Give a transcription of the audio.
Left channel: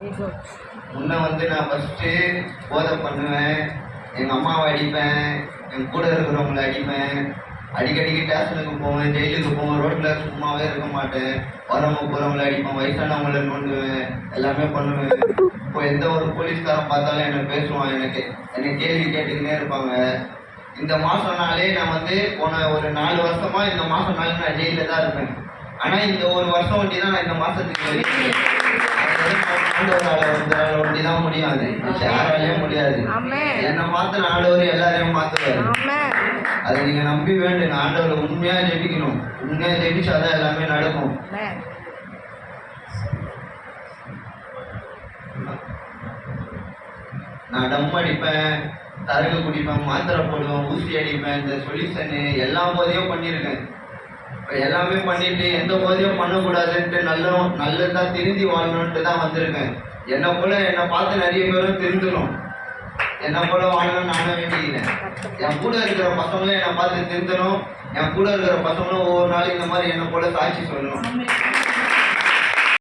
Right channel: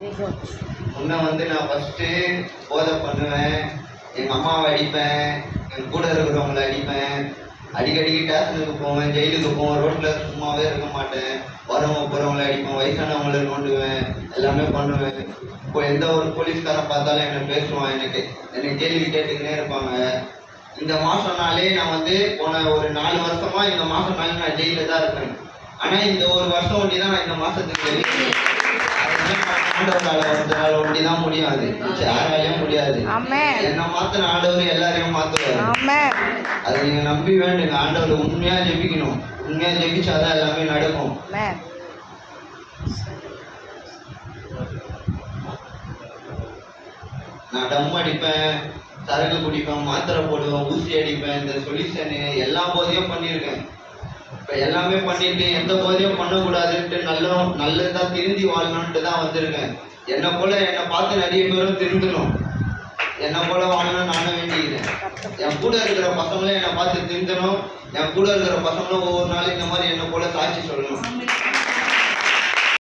முன்ன நான் ஃபஸ்ட்டு போதை பண்ணுவேன், எங்கள் அம்மாவை அடிப்பேன், என் கூட இருக்கிறவங்கள அடிப்பேன், அடிக்கடிக்கு ஸ்டேஷனுக்கு போவேன், ஜெயிலுக்கு போவேன், ரோட்டில் சும்மாவே இருக்க மாட்டேன், வரவங்க போகிறவங்கள அடிப்பேன், வயசானவங்கள நோண்டுவேன், எல்லாமே பண்ணுவேன். இப்போ எந்த ஒரு போலீஸ்காரன் பார்த்தாலும் என்னை பேசுவான், என்னை கேள்வி கேட்டுக்கினே இருப்பாங்க. இந்த மாதம்னாலே நான் போன ஒரு 4 வருஷமா இந்த மாதம்னாலே நான் ஜெயிலில் தான் இருப்பேன். ஆனால் இந்த ஒரு வருஷம் ஒட்டி தான் நான் இந்த மாதத்துக்கு ஆண்டவரால ஒண்டி தான் முடியாது, யாராலையும் முடியாது. என்னை மாத்தின ஆண்டவர் எல்லாரையும் மாத்துவாரு. அதை நீங்க நம்பி வேண்டுங்க. ஆண்டவர் உண்மையா ஜெபிக்கணும், உண்மையா ஜெபிச்சாதான் எல்லாமே நடக்கும். நான் டம் அடிப்பேன், சரக்கு குடிப்பேன், மாத்திரை போடுவேன், ஊசி அடிப்பேன், இந்த சொல்யூஷனு எல்லா போதையும் பண்ணியிருக்கேன். இப்போ எல்லாமே பண்ணிட்டு எந்த போதையும் பண்ணக்கூடாதுன்ட்டு நல்லதா திருந்தி வாழணுன்ட்டு தான் வந்திருக்கேன். என்னை பார்த்து நிறைய பேரும் திருந்தணும், என்னை போல வாழணும் நானும் வேண்டிக்கிறேன். என் கூட இருக்கிற பசங்களும் என்னை பார்த்து திருந்தணும், என் கூட இருக்கிற பசங்களும் ஒவ்வொரு நாளும் இந்த மாதிரி என்னை போல சாட்சி சொல்லணும்.